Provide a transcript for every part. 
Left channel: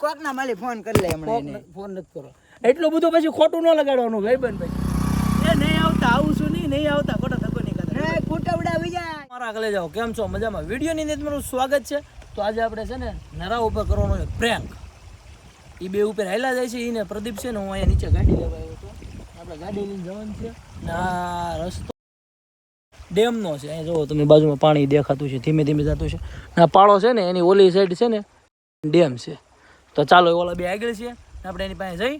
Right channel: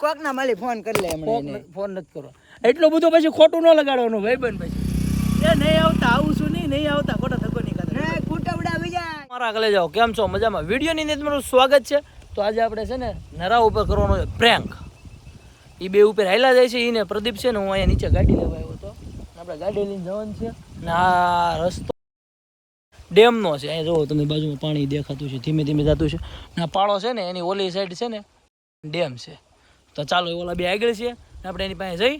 કોક ના મળી ફોન કરી લે હમણાં ફોન નથી કરો એટલું બધું પછી ખોટું ન લગાડવાનું ભાઈબંધ પછી એ નહીં આવતા આવું છું નહીં આવતા ખોટા ધક્કો નહીં કરતા કુટવડા બીજા મારા આગળ જાઓ કેમ છો મજામાં વિડીયોની અંદર તમારું સ્વાગત છે તો આજે આપણે છે ને નરા ઉપર કરવાનો છે પ્રેન્ક એ બે ઉપર હાલ્યા જાય છે એને પ્રદીપ છે ને હું અહીંયા નીચે ગાડી લેવા આવ્યો હતો આપણે ગાડી લઈને જવાનું છે ને આ રસ્તો ડેમનો છે અહીંયા જુઓ તમે બાજુમાં પાણી દેખાતું છે ધીમે ધીમે જતું છે ને આ પાળો છે ને એની ઓલી સાઈડ છે ને ડેમ છે તો ચાલો ઓલા બે આગળ છે આપણે એની પાસે જઈ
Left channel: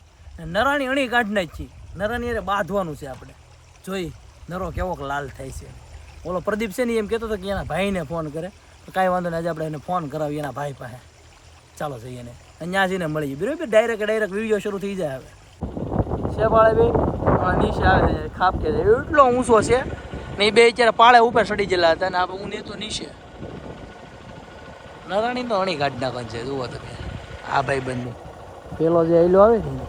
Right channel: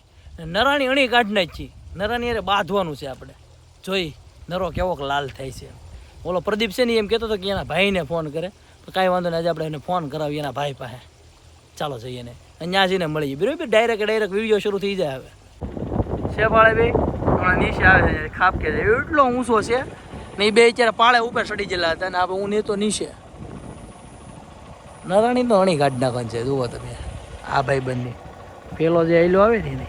નરાની અણી કાઢી નાખી નરાની અરે બાંધવાનું છે આપણે જોઈ નરો કેવોક લાલ થાય છે ઓલો પ્રદીપ છે ને એમ કહેતો હતો કે એના ભાઈને ફોન કરે તો કાંઈ વાંધો નહીં આજે આપણે એને ફોન કરાવીએ એના ભાઈ પાસે ચાલો જઈએ ને અહીંયા જઈને મળીએ બરાબર ડાયરેક્ટ વિડીયો શરૂ થઈ જાય હવે છે પાળે બે હમણાં નીચે આવે છે ખાપ કે છે એટલો ઊંચો છે ને એ બે અત્યારે પાળે ઉપર ચડી ગયેલા હતા ને આપણે હું તો નીચે નરાણી તો અણી કાઢી નાખવાની છે જુઓ તમે આ ભાઈ બંને પેલો જે આયલો આવે ને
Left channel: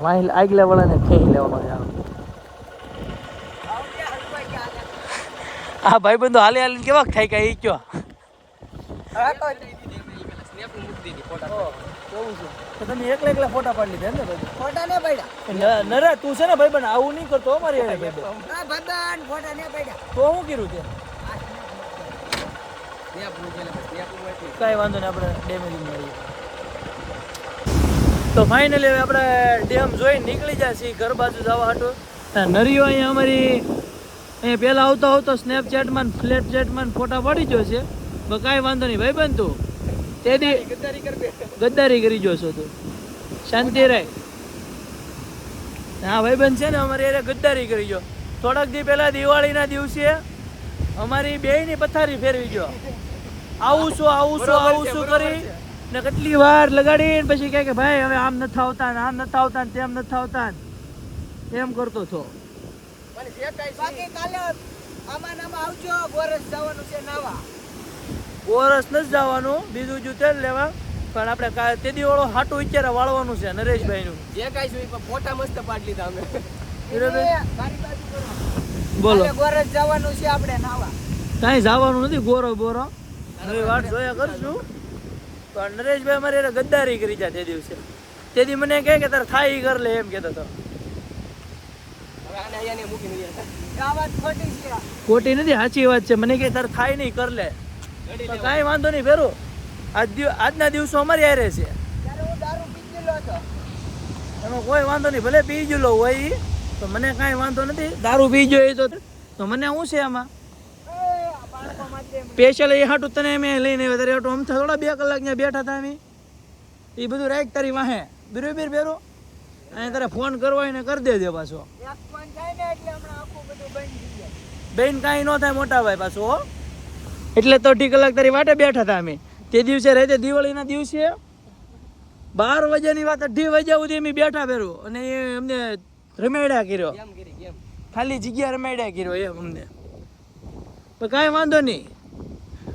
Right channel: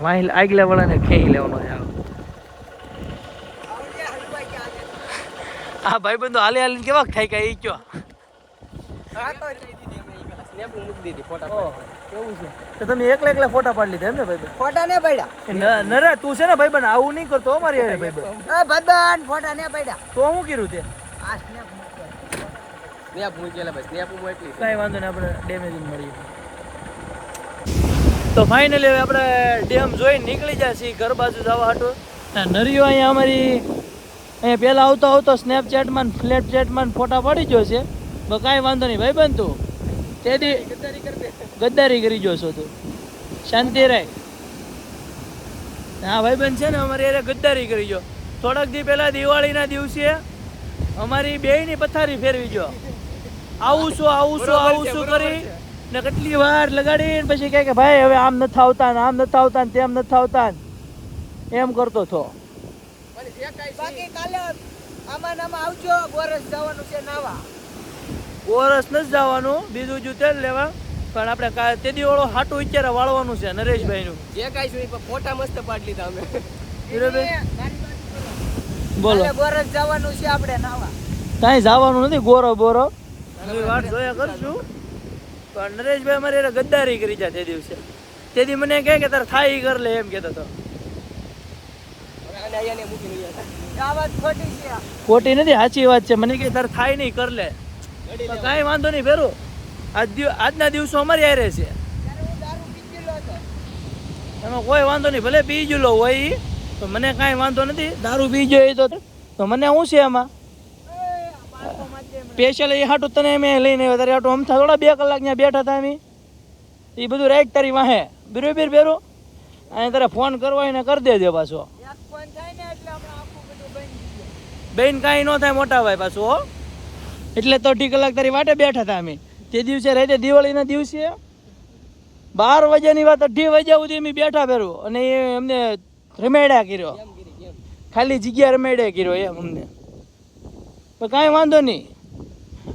વાહી આગલા વાળાને ખેંચી લેવાનો છે આ ભાઈ બંધો હાલે હાલીને કેવાક થાય કે એ કયો તો તમે એકલા ફોટા પાડી લીધા એમ ને ભાઈ ફોટા ને પડ્યા નરે તું છે ને ભાઈ બંધ આવું નહીં કરતો અમારી ભાઈ ભાઈબંધ ફોટા ને પડ્યા તો હું કર્યું તે કઈ વાંધો નહીં આપણે ડેમેજ મળીએ તો ફાઇનલી હવે આપણે ડેમ જોઈને નીકળી જાય છીએ ઘર બાજુ જવા હાટું નરિયો અહીંયા અમારી અહીંયા પહેલાં આવતો સ્નેપચેટમાં ફ્લેટચેટમાં ફોટા પડી ગયો છે તો કાંઈ વાંધો નહીં ભાઈ બન તું તે દી ગદ્દારી કરી ગયો છો તું શાંતિ રાય હા ભાઈ બન છે ને અમારી અરે ગદ્દારી કરી ગયો થોડાક દી પહેલાં દિવાળીના દિવસે અમારી બેયની પથારી ફેરવી ગયો આવું છું કરી ને કેટલી વાર લગાડીને પછી કહે કે ભાઈ હવે આમ નથી આવતા ને આમ નથી આવતા ને તેમ નથી આવતા એમ કરતો હતો બાકી કાલે આમાં આવજો બોરસ જવાનું છે નાવા બોરસ નથી જવાનું બીજું જો તેલ લેવા પણ આપણે તે દી ઓળો હાટું અત્યારે વાળવાનું છે નરેશભાઈ નું જે કાંઈ છું ફોટા મસ્ત પાડી લીધા અમે બોલો બોરસ જવાનું છે આપણે નાવા કાંઈ જવાનું નથી ગોરો બોરો વાત જોયા કરશું પણ નરેશભાઈ અમારે એને ગદ્દારી કરી જાય તે દિવસે તેથી મને કહે કે તારે થાઈ કર લે એમ કહેતો હતો ખોટી નથી સાચી વાત છે મને કે તારે થાઈ નહીં કર લે કાંઈ વાંધો નહીં ફેરું આજના દિવસો અમારી હારે છે એમાં કોઈ વાંધો નહીં ભલે પી ગયેલો હોય તો મને કાંઈ વાંધો નથી દારૂ પી ગયો તો મને શું છે એમાં સ્પેશિયલ એ હાટું તને મેં લઈને આવ્યો તારે હાટું અમથા થોડા 2 કલાક ત્યાં બેઠા હતા અમે એ બધું રાઈટ તારી વાહે બરોબર બેરો અને તારે ફોન કરવો હોય ને કરી દેજે પાછો બેન કાંઈ ન થાય મોટા ભાઈ પાછું હો એટલે તો 2 કલાક તારી વાટે બેઠા હતા અમે તે દિવસે રહેતે દિવાળીના દિવસે 12 વાગ્યાની વાત 2:30 વાગ્યા સુધી અમે બેઠા ફેરું અને એ અમને રમેડ્યા કર્યો ખાલી જગ્યા રમેડ્યા કર્યો એમ અમને પણ કાંઈ વાંધો નહીં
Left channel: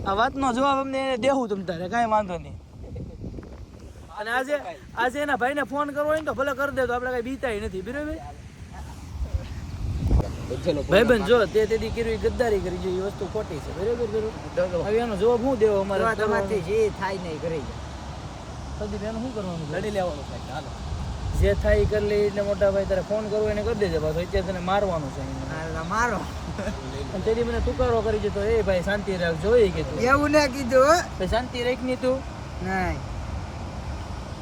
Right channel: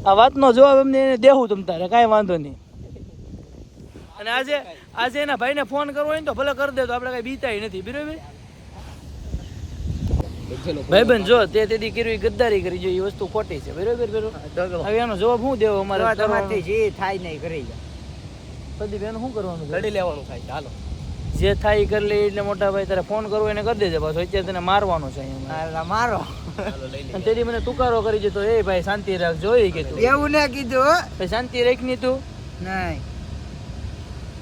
આ વાતનો જવાબ અમને દેવું તમ તારે કાંઈ વાંધો નહીં અને આજે એના ભાઈને ફોન કરવો હોય ને તો ભલે કરી દે તો આપણે કાંઈ બીતાય નથી બરાબર ભાઈબંધ જો તેથી કર્યું ગદ્દારી કરી જો એ વસ્તુ ખોટી છે બરાબર હવે એનો જવાબ શું દેવો અમારે જે થાય નહીં કરી પ્રદીપ એનું શું કરવાનું લડી લેવાનું થાય ચાલો જે થાય એ કરી લે એટલે મોટા ભાઈ તારે ફોન કરવો એને કરી દેજે પાછો અત્યારે તને મારવાનું છે મારો અને તેથી મને તુકારો કરી દીધો એ ભાઈ શાંતિ રાખ જોઈ કીધું એવું ના કીધું ભાઈ શાંતિ રાખ ની તું નહીં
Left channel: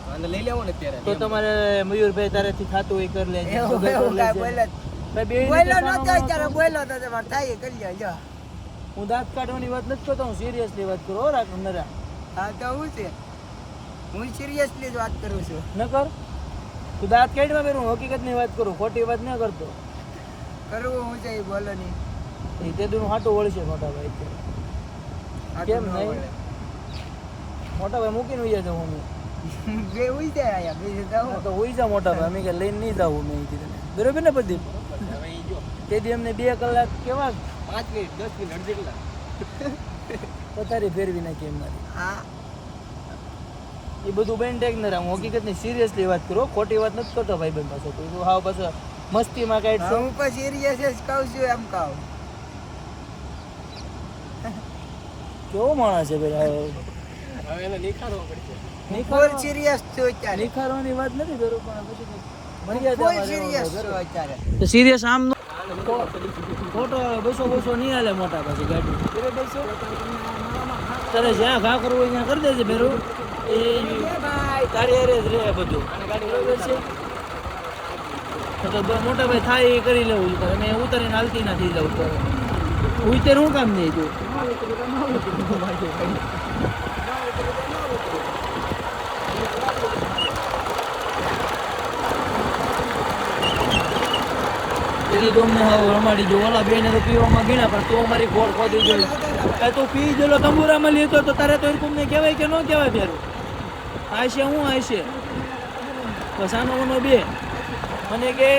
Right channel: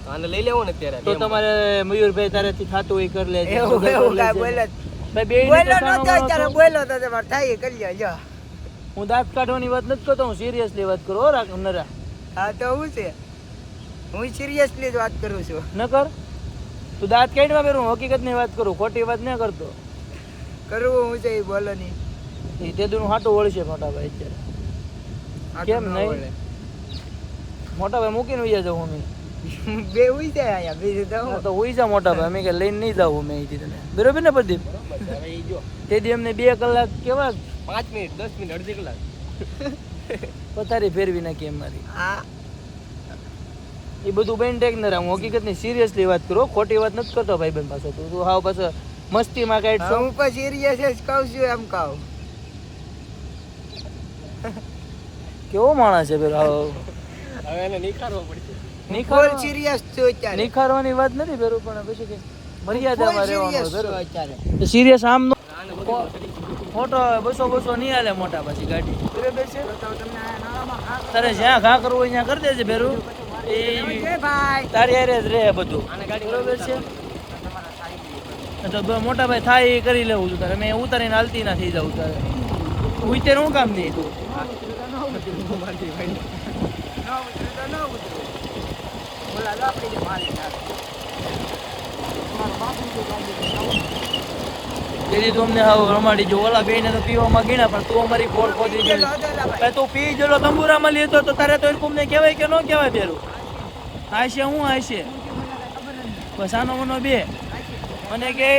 આને લઈ લેવો ને અત્યારે તો તમારે મયુરભાઈ તારેથી થાતું એ કરી લેજે એવું કાઈ બોલે ભાઈ બોલો ન ત્યારે બોલો તો તમારે થાય કરી લેજો હું દાંત કાઢવાની વાત નથી કરતો હું સિરિયસલી વાત કરું રાખ નરા હા તો હું છે હું સિરિયસલી જ વાત કરું છું ન કર તું દાંત કાઢવા કરું હકીકતની વાત કરું ખોટી વાત ન કરતો કરવું હું છે એ બોલો નહીં એ તે દુનું હાટું વળશે મોટા ભાઈ અત્યારે કેમ નહીં મોટા ભાઈ મૂકીને ઉઈ જાઉં હું બે ઉઈ જાય અહીંયા બીજું તો ઉઈ જા મોટા ભાઈ અમે કે લઈને નહીં જાવું મેં અહીંથી તને બરોબર ને પ્રદીપ તેથી અમને 2 કલાક કેવા 5 મિનિટ 10 મિનિટ અડધી કલાક પથારી ફેરવી નાખી અમારી હા એ બધું બેન ટેક ન હું હકીકતની સિરિયસલી વાત કરો ખોટી વાત નથી કરતો ભાઈ બેન પાછો તું હાવ પાછો મસ્તીમાં કાઢ હું પણ સિરિયસ જ કહું છું એમ કહું કેવો માણસ છે પેલો હવે એને નિખારવો પડશે ફૂલ નિખાર સિરિયસ છું અત્યારે નિખારવાની વાત નથી ભેરું, પણ પછી કે મર્યાદામાં ફૂલ રહેવાનું સિરિયસ છું ભેરું. અત્યારે તો સિરિયસ આમ નો ફોટો 200 નહીં હાલે મોટા પછી ગાડી બરાબર છે. તારે જ્યાં ઘા કરવું હોય ત્યાં કરી દેજે ભેરું. એ એ ભાઈ તારી હારે જ રહે બધું બરોબર છે. તો મોટા ભાઈ થાય એ કરી લેવું છું તારે. મેં ઉતારીને હાલતી ના થઈ જાઉં તારે ઉતરે હું કામ નહીં તું. તેથી તો અમને હાવ રમાડી જો ઓલા બેને તો પીવામાં ગીના, પણ તું અમારી ગોળ ખોદી ગઈ. એ તો પી ગયેલો તંબુરામાં લીધો તો તારે તો તમને કહેવાય કે ન કહેવાય ફેરું. આ છે હું આ છે બસ આનો મનો બે મને કે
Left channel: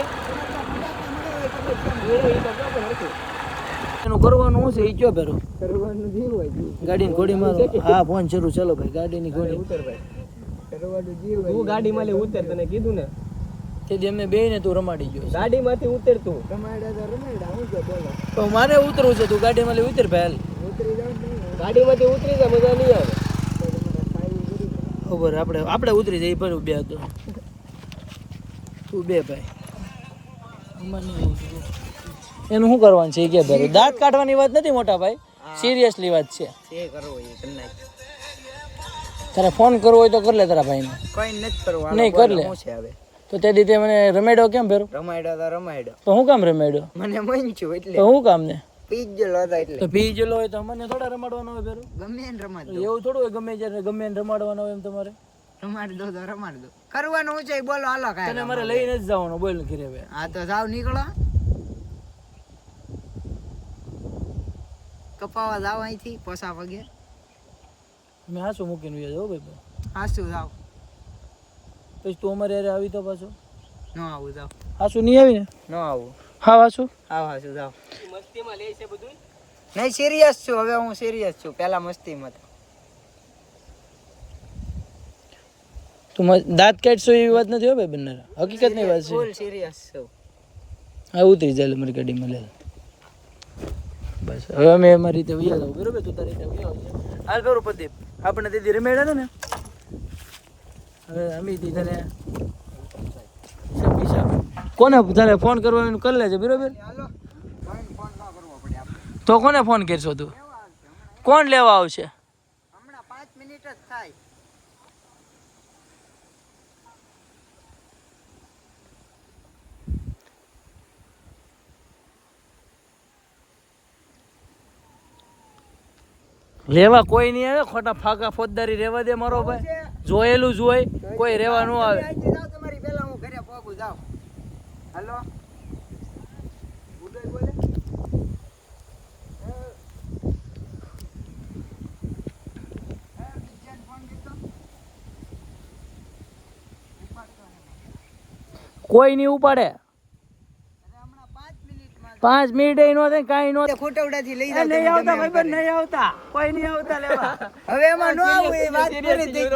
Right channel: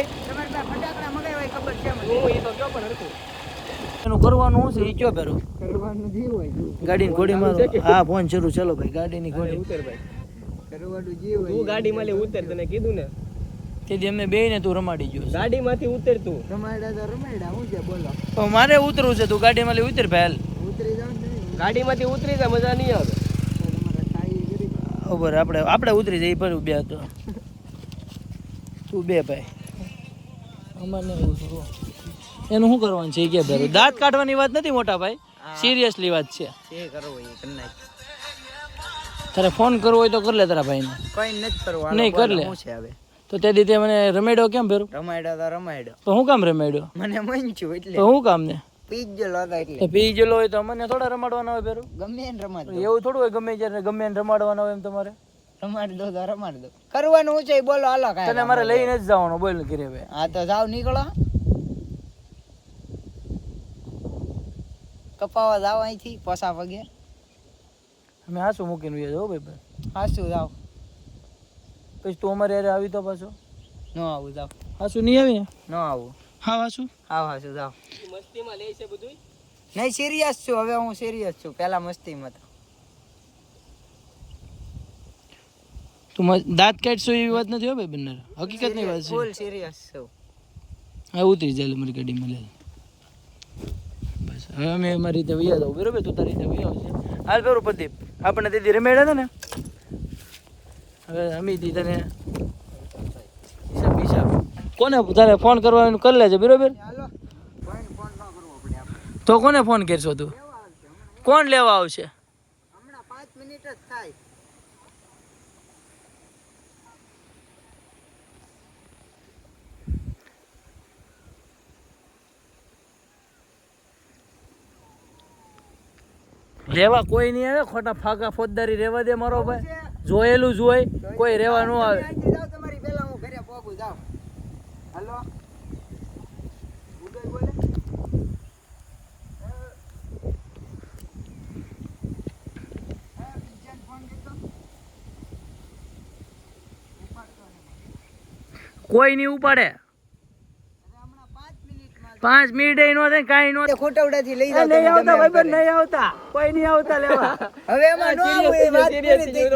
એનું કરવાનું શું છે એ કયો ફેરો કરવાનું જીવ હોય ગાડીની ઘોડી મારો. હા ફોન શરૂ ચાલો ભાઈ ગાડીની ઘોડી ઉતર ભાઈ કરવાનું જીવ હોય તું ગાડીમાં લે ઉતર, તને કીધું ને તેથી અમને બે ને તું રમાડી ગયો. ગાડીમાંથી ઉતર તું. રમાડા તો રમાડા હું છે બોલો તો મારે ઉતરવું છે, તું ગાડીમાં લઈ ઉતર ભાઈ. ઉતરી જાવ ને ગાડીમાંથી ઉતરી જા, મજા નહીં આવે. ખબર આપણે ઉતરી જઈ પર બે હતો તું બે ભાઈ અમારે એનું શું કરવાનું છે કે ભાઈ દાંત કાઢવાની વાત નથી મોટા ભાઈ, સિરિયસલી વાત છે. જે કરવો એ તમને તારે ફોન કરવો હોય તો કર લે તારા ભાઈને. કોઈ નથી કરવાનું નહીં કર લે શું છે હવે તો તે દીધે મને રમેડ્યો કેમ ફેરો? રમાડ્યો તો રમાડ્યો તો હું કામ રમેડ્યો? મને મન છું તો એટલે હું કામ ને પી જ ગયેલો હતો એટલે તો પી ગયેલો હોય તો મને થોડા રમાડવાના હોય ફેરો? ગમે એને રમાડ દો એવું થોડું હોય ગમે જ્યારે ગમે એને રમાડવાના હોય એમ તમારે? રમાડી દો તો રમાડ દો કરવાનું શું છે એ બોલો હાલો તને કાંઈ મારે લઈને જ જવાનું બોલ ઘરે ભાઈ. હા તો જાવ નીકળો કપાવા જાવ અહીંથી પસા પગે અમે હાસું મૂકીને વ્યા જાઓ ભાઈ. હાસું જાવ પછી તું અમારે યારે આવી તો પાછો ન આવું જાવ હાસું નહીં આવી ને? ન આવું હા હાસું હા હાસું જાવ મસ્તીમાં લે છે બધું. નહીં સિરિયસ છું હવે હું સિરિયસ છું પેલા મસ્તીમાં તો તું દાંત કાઢશો એવી વાત નથી હો ભાઈ બંને હકીકત ની વાત છે. ફૂલ સિરિયસ છું હા ઉતરી જાય મારી ગાડીમાં લે બસ. હવે અમે અમારી રીતે વૈયા જાવ બરોબર, તું તારી રીતે વૈયા આવશે. હાલ બરોબર પ્રદીપ આપણે તેથી રમેડા હતા ને હવે અમે તને હિસાબ કોને તારે ફોન કરવાનું કરી લેજે બરોબર. હાલો કોઈ ફોન ન કરવો પડે આપણે તો કોને ફોન કરશો તું? કોણ લેવા આવશે? હમણાં 5 મિનિટ જ થાય રેવા કોઈ નહીં આવે, ખોટા ફાકા ફોજદારી રેવા દે મારો ભાઈ. જોયેલું જ હોય, કોઈ રેવા ન આવે. જાવ તમારી પહેલા હું ઘરે પહોંચું જાવ હાલો ઉદય બોલે કોઈ નહીં ઉપાડે. હમણાં 5 મિનિટમાં 5 મિનિટ નો થાય કાંઈ નો થાય. ખોટવડાથી લઈ જાવ નહીં તમે આવતા ગમે એમ ભાઈ, કરીને. નહીં આવતા, કોઈ નહીં આવતા લેવા. હવે એમાં ન આવું એ વાત પૂરી થઈ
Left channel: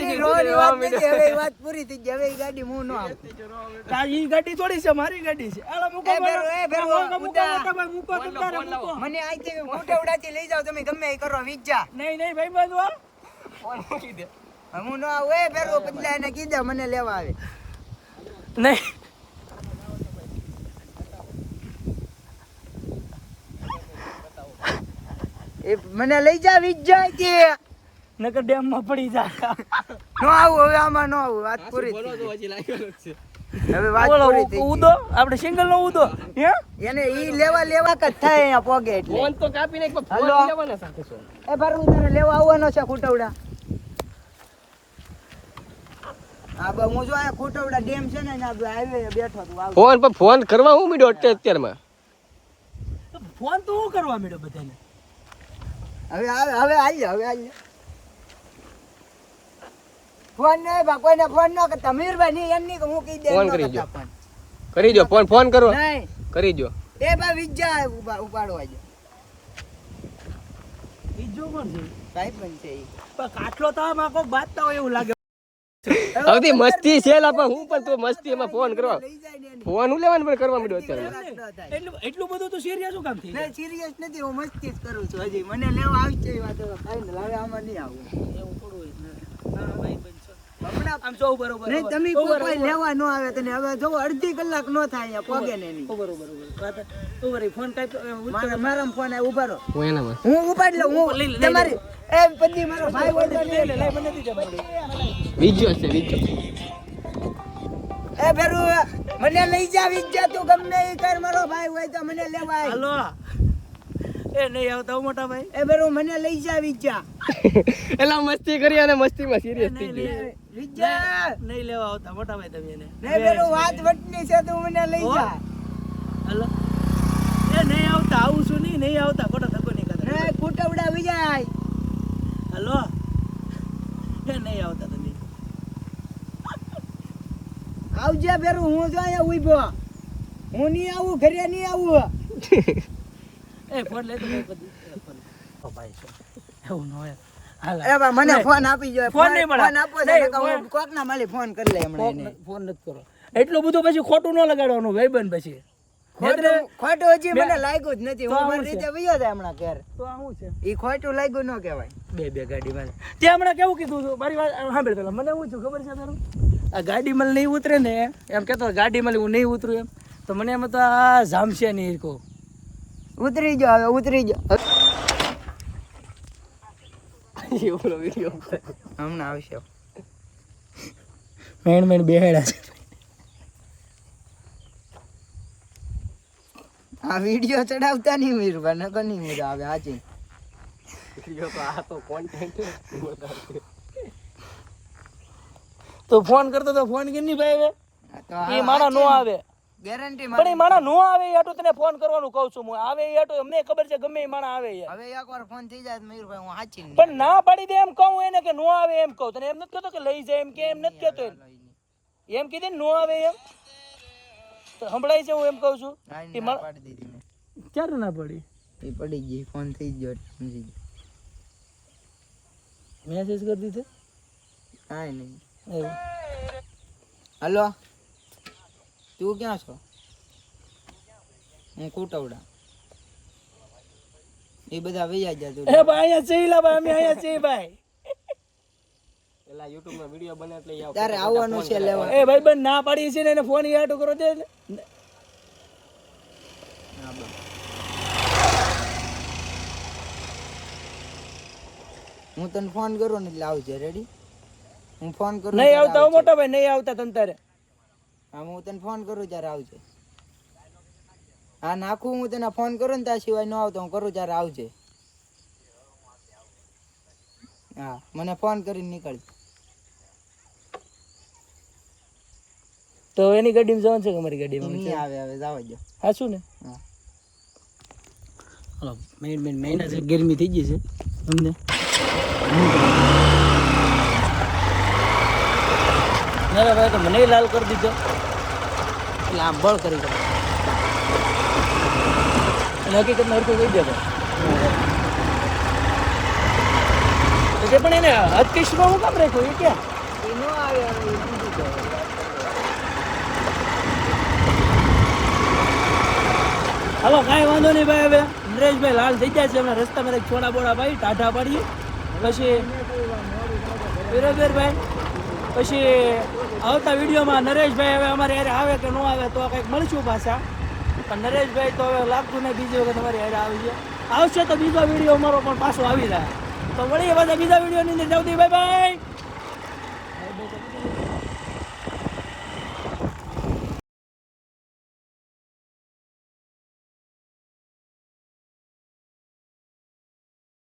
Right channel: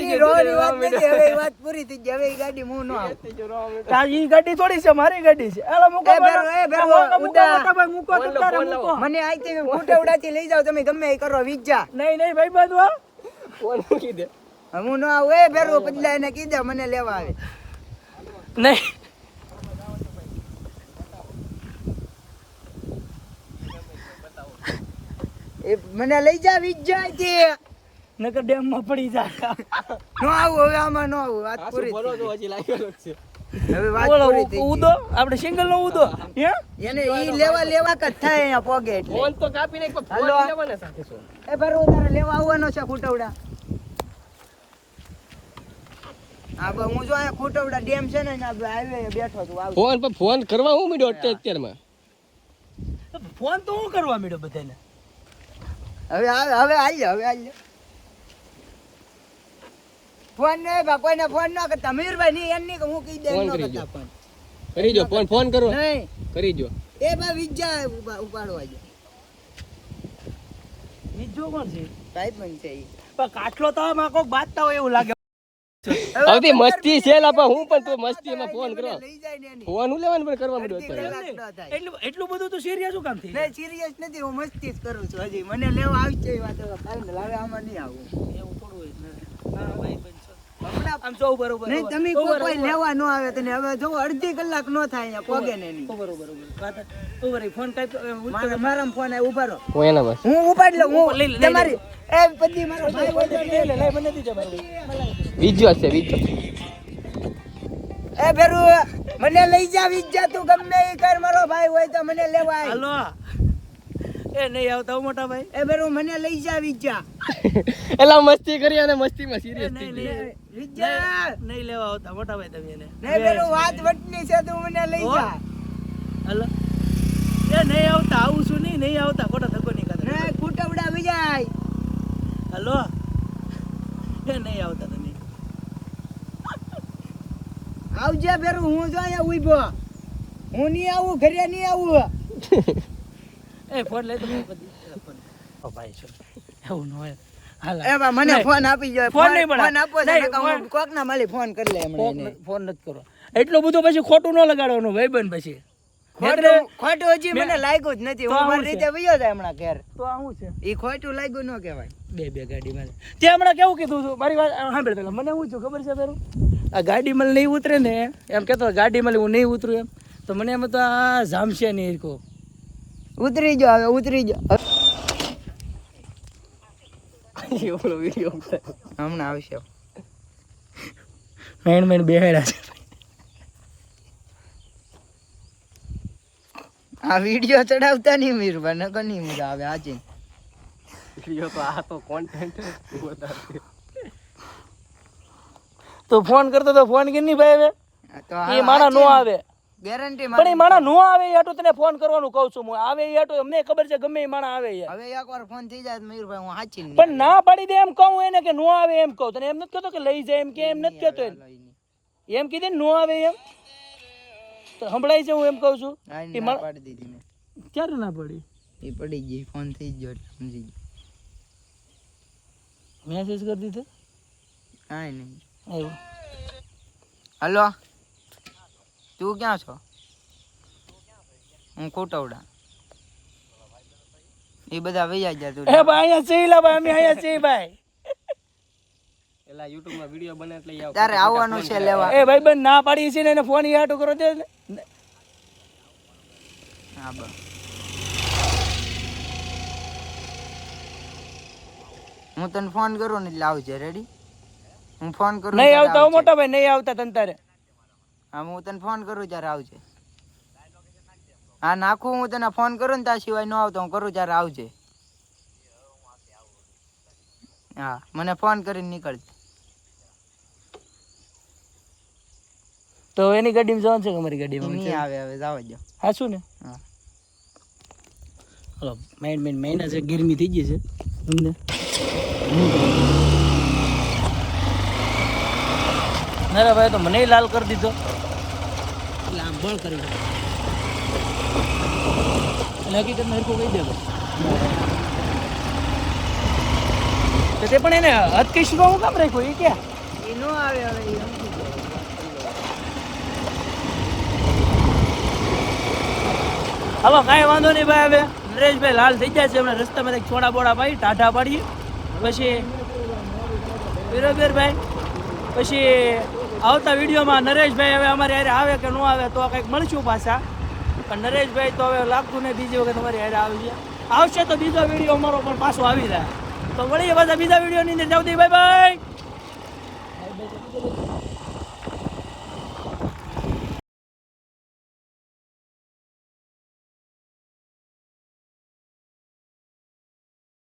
ગઈ રોવાની વાત નથી હવે એ વાત પૂરી થઈ ગઈ હવે એ ગાડી હું ન આવું તારી ગાડી થોડી છે, મારી ગાડી છે. હાલો મૂકો એ ભેરો, એ ભેરો, મૂકો, ઉડા. મોટા ભાઈ મૂકો તો તારે મૂકો. મને આઈથી ખોટવડાથી લઈ જાવ તમે ગમે એ કરો વિજા નહીં નહીં ભાઈ બાંધવા ફોન મૂકી દે. હું ન આવું એ ભેરો પદલા એને કીધે મને લેવા આવે નહીં. એ મને લઈ જા વિજા કે નકર ડેમ માં પડી જાય. ન આવું હવે આમાં ન આવું વાત પૂરી બોલો થઈ તો હજી લાગેલો જ છે. ગઈ. હવે વાત બોલો પૂરી થઈ ગઈ. ઉદો આપણે સિંગલ નો ઉદો હે એને ઈ લેવા જ થાય અહીંયા પોગે એટલે ફોન તો કાપી નાખ, પણ હાલો. ફોન લેવાના સાથે છો. એ ભરવું તને લેવા આવવાનો છે ખૂટવડા હા બસ હું જો અહીંયા ખૂટવડા ડેમ છે ને એના હાઈવે બેઠો છું આવું ફોન પર ફોન કરવા હું મીડો અત્યારમાં. ફોન તો હું કરવા માંડ્યો બધાને. હવે આવીએ હવે આવીએ ફોન નહીં બા કોઈને ફોન ન કરતા મીરભાઈ નહીં એમની કે હું કહી દે ફોન ન કરી કરતા દો. ફોન કરી દો ફોન કરો, નહીં કરી દો. એ બા વિજા ઉપાડવા જાય બીજું કોણ છે? સાહેબ બન છે ઈ. પણ કાટલો તો આમાં કોક બાતતા હોય એવું લાગે. આવતી મસ્તી છે લાપા, હું પણ તો મસ્તીમાં ફોન કરવા લઈ જાય ને એની. ફોન હું લેવાનું પણ કરવા માંડ્યો અત્યારે. વાત ન થાય. એટલું બધું તો સિરિયસ શું કામ થઈ જાય? નહીં સિરિયસ નથી હું મસ્તી જ કરું છું હજી મને લેવા આવશે એ વાત હવે final. હવે આમાં નહીં આવું એવું થોડું હોય. હમણાં આમ જો બરોબર નહીં તમે કોઈ લેવા ન આવે તને હવે જો અડધી કલાક નો થાય અહીંયા પોગે ને નહીં. બરોબર બરોબર ફોન કાઈ મારા ફોન આવે ઉભા રહો હું એના બસ હું ઉપાડી લઉં હું તમારી એ પદી મારો ભાઈ હોય તો લઈ લે મને દીજે ભાઈ બીજો છે બીજો એ બેરુ મને લઈ જા વિજ્જા તું ગમે એ કર મારો ભાઈ હોય તો મને લેવા આય હાલો એ નહીં આવતા મોટા ભાઈ એ બેરુ મને લઈ જા વિજ્જા એલા મસ્તી કરી અને મસ્તીમાં સિરિયસ થઈ ગયું વિજ્જા નહીં લેવા આવતા મોટા ભાઈ તમે એને નહીં બેરુ વાત વટની છે તું મને લઈ જા હાલો એ નહીં આવતા આવું છું નહીં આવતા ખોટા ધક્કો નહીં કરતા ને કુટવડા વિજાય હાલો એ નહીં આવતા તમે આવજે બેરુ હું જો અહીંયા ઉભો હું નહીં આવું ઘરે નહીં આવું એ ફોન લઈ તો ફોન ભાઈ છો એવું ન હોય હાલ એ બા મને ફોન આપી જો ફોન નહીં મળે. ફોન આપો નહીં, છે હું કોકના માલી ફોન કરી લે હમણાં એને ફોન નથી કરો એટલું બધું પછી ખોટું ન લગાડવાનું ભાઈબંધ પછી ખોટું હજી મને લાગ્યું જ નથી હું મારી રીતે વયો જાય હમણાં ઘેર તો આ શું છે ઈ ખોટું લાગ્યું ન કહેવાય બે ગાડીમાં તે હમણાં કેવું કીધું હતું મારી વાત સાંભળ પેલા મને શું છું ખબર છે તારું આ ગાડીમાં નહીં ઉતરે ને એમ કહેતો ગાડીમાં હું નહીં ઉતરું એમ તો મને એમ તો આ જામશે નહીં કહો ઉતરી જાઓ હવે ઉતરી જાઓ એવડો વિડીયો હમણાં આવશે મહિને બેહાડ્યા છે આ વિડીયો ચડાવતા નહીં મીરભાઈ નકર નહીં મજા આવે આજે તો ફોન કરતો તો ફોન કે નહીં ભાઈ હવે તો એ માણા નો આવે ગેરંટી પણ એ માણા નો આવે એ હાટું તને ફોન કરવાનું કહું છું હું આવે એ હાટું અમને ખબર છે ગમે એ માણા આવે એ હવે એકવાર ફોન થઈ જાય તો મીરભાઈ હું સાચી નહીં પણ ના પાડી દે એમ કહું એને કે નો આવે એમ કહું તને એમ નથી કહેતો કે લઈ જાય એમ કે એમ નથી કહેતો એમ કીધે ને નો આવે એમ તો સંભળાય છે હું એમ કહું છું ના પાડી દીધી મેં ક્યારે ના પડી એ પડી ગઈ ફોન થઈ ગયો એટલે સમજી ગયો મેસેજ કરી દીધો કાંઈ નહીં એવું હલો તું ક્યાં છો હું કોટવડા એ બધા વૈયા ગયા તું એ ભાઈ અહીંયા છીએ લા ભાઈ અમે અહીંયા છીએ ભાઈ એલા YouTube માં વિડિયો બને એટલે આવ તારે આવવાનું છે લેવા એ ભાઈ બંધ ના પાડી છે ને એને ફોન ઈ હાટું કરો દે ને હા બસ હું તને ફોન કરું ને એટલે આવજે રેડી હું ફોન કરું નહીં ત્યારે આવતા હો આવજે. મોટા ભાઈ નહીં આવતા તને તારે હા હું તને ફોન કરું ત્યારે આવજે હા નાખું હું તને ફોન કરું ને ત્યાં સિવાય ન આવતો હું કરું ત્યારે આવજે હા મને ફોન કરીને નીકળજે તો એની ગાડીમાં જવાનું છે કે અમારી ગાડીમાં નહીં આવે હવે જવા દો હા શું ને હા હલો મહિના છે ગરમી થઈ ગઈ છે તમને ના ભાઈ તો મને લાલ કરી દીધો એટલે આમ બળ કરી દો હકીકતમાં હરખું કહી દે ભાઈ તો તે પણ એને અતિશમાં હું કામ રાખ્યો એ ક્યાં એ ન આવે હવે એ બીજું કહેવાય. વાત કરવા. હવે કાંઈ વાંધો નહીં ભાઈ હવે નરેશભાઈ લાલ થઈ ગયા છે અમે રસ્તામાં એક છોડા બોડા પાડી ટાઢા પાડીએ પછી બરોબર ભાઈ પછી આવતા વિડીયોમાં નરેશભાઈ હવે અમારે હારે આવે કે ન આવે તો કંઈક મળશું પાછા પણ નરેશભાઈ તો હવે લાગતું નહીં બીજી વખત અમારી હારે આવશે તો બીજો વિડીયો અમારો પણ પાછો આવી જાય તો મળીએ પાછા બીજા વિડીયોની અંદર જાવ બાય બાય